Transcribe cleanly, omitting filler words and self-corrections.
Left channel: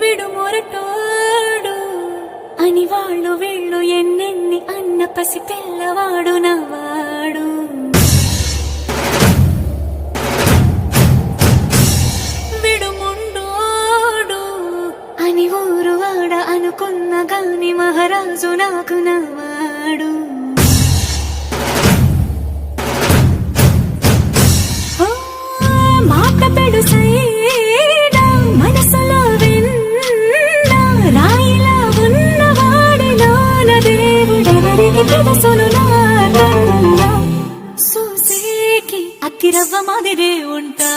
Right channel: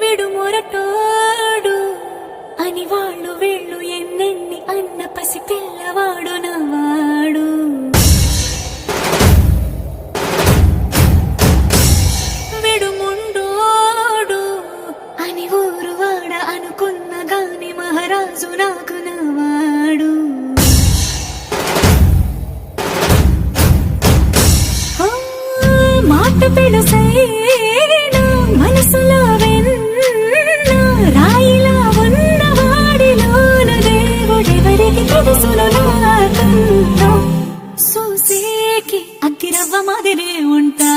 విడు మొరటోడు అని వాళ్ళు వీళ్ళు ఎన్నెన్ని అన్న పసి పిల్లవాడు నవ్వాడు. విడు ముండోడు అని ఊరు వాడ అనుకున్న గాని మహారాజు నాకు నవ్వాడు. మాట పెడుసైనా మనసులో వెన్న రాయిలా ఉన్నవాడిలోన దేవుడెవరికి తెలుసును నాకన్నా. సూసేకి అగ్గిరవ్వ మాదిరే ఉంటా